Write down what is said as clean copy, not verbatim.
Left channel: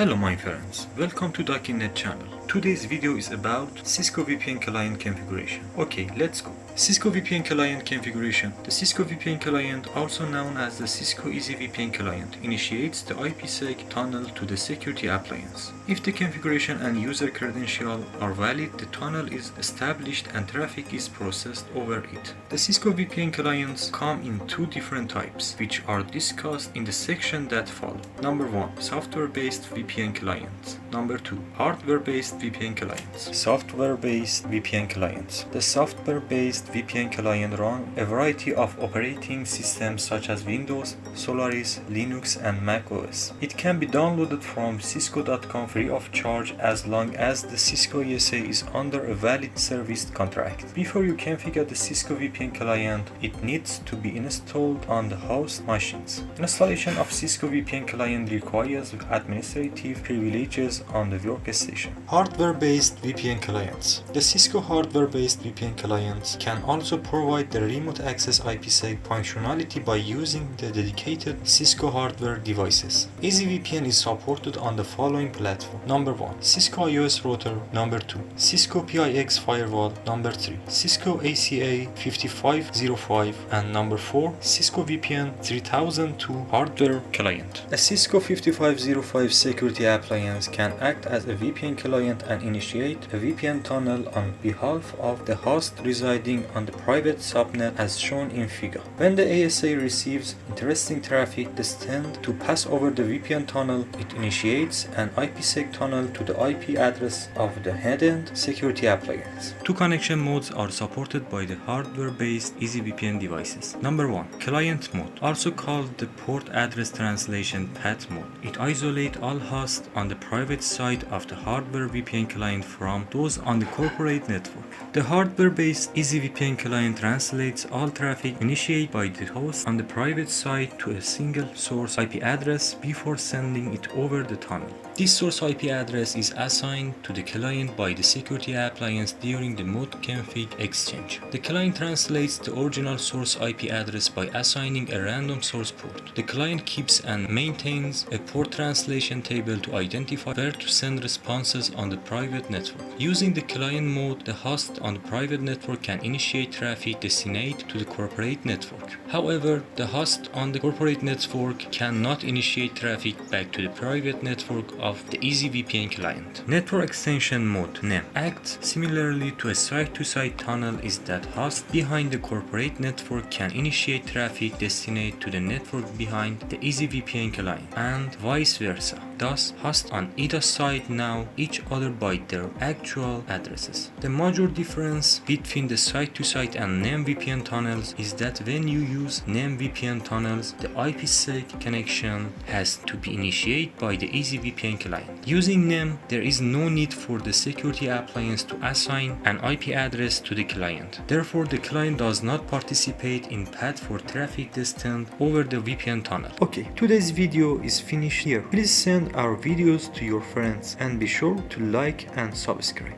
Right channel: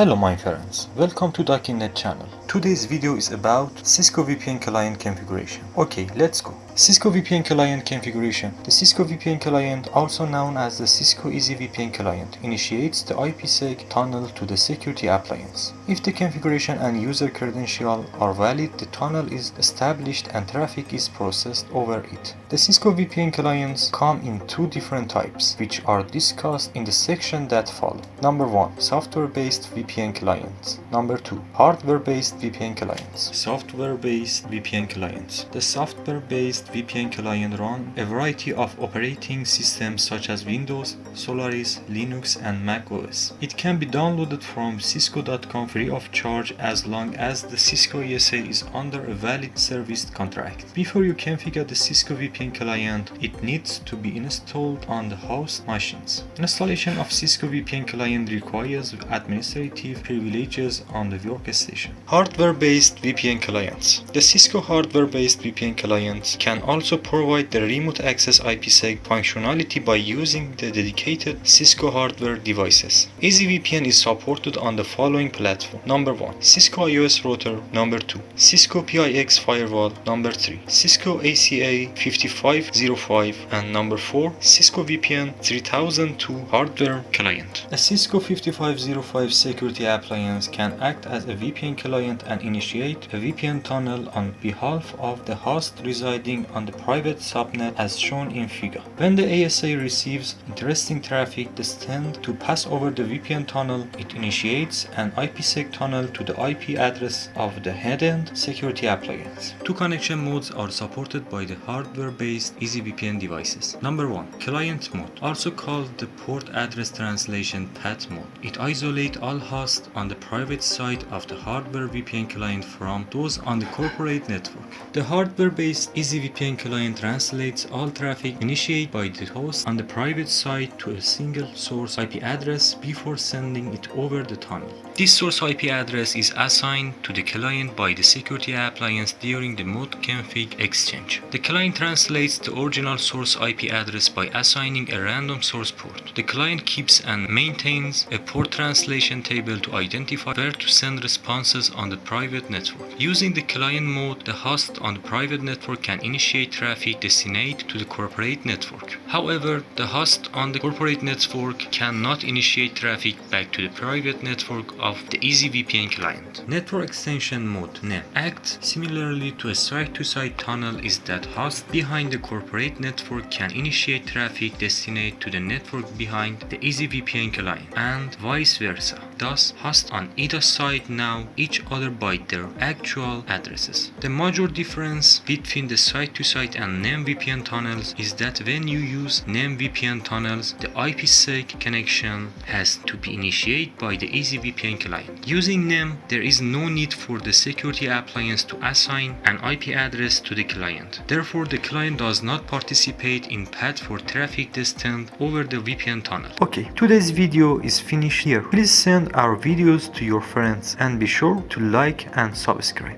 Hello my friends, welcome to Docinnet channel. Today's video is about Cisco VPN client configuration. Okay, let's go. Cisco VPN client configuration. The Cisco VPN client, also known as the Cisco Easy VPN client, initiates the IPsec tunnel to the security appliance. If the configuration and user credentials are valid, the tunnel is established and traffic is processed over it. The Cisco VPN clients come in two different types, which are discussed in the section that follow. Number 1. Software-based VPN clients. Number 2. Hardware-based VPN clients. Software-based VPN clients. The software-based VPN client run a variety of operating systems such as Windows, Solaris, Linux, and Mac OS. It can be downloaded from cisco.com free of charge as long as the Cisco ASA is under a valid service contract. Before you configure the Cisco VPN client, it needs to be installed on the host machines. Installation of Cisco VPN client requires administrative privileges on the workstation. Hardware-based VPN clients. The Cisco hardware-based VPN clients can also provide the remote access IPsec functionality by using the dedicated Cisco hardware devices. EasyVPN is supported on the following platform. Number 1. Cisco iOS router. Number 2. Cisco PIX firewall. Number 3. Cisco ASA 5505. And number 4. Cisco VPN 3002 hardware client. A Cisco 5505 security appliance can act as a VPN client and initiate a VPN tunnel on behalf of the host residing on the private subnet as shown in figure. When the ASA receives interesting traffic destined to pass over the VPN tunnel, it initiates an IPsec tunnel to the IP address of the head-end security appliance. Two connection modes are supported by the hardware-based EasyVPN devices. Number 1. Client mode, also called the port address translation PAT mode. It isolates all hosts on the private side of the hardware VPN client from those on the corporate network. The hardware-based EasyVPN client translates all traffic initiated by the host on the private side to a single source IP address before sending it over the tunnel. This source IP address is assigned to the client by the security appliance during the mode config exchange. The client translates the original source IP address by assigning a random source port. The client keeps and maintains a port translation table to identify where to send responses on the private network. Using the client mode, the host on the private network can initiate traffic destined to the corporate network. However, the host on the corporate network cannot initiate traffic back to the private network of the EasyVPN client. Network extension mode (NEM) acts similarly to a site-to-site tunnel is that host behind the corporate network can initiate traffic destined to the network behind the EasyVPN client and vice versa. Thus, hosts on either side know each other by their actual addresses. The major difference between the site-to-site and NEM VPN tunnels is that when you use NEM VPN tunnels, the IPsec connection has to be initiated by the EasyVPN client. Using NEM, there is no need for the security appliance to assign an IP address to the client. Therefore, the client does not participate in path for traffic destined over the VPN tunnel. Okay, today's video is finished here. Please send our videos to your friends and be sure to like and subscribe.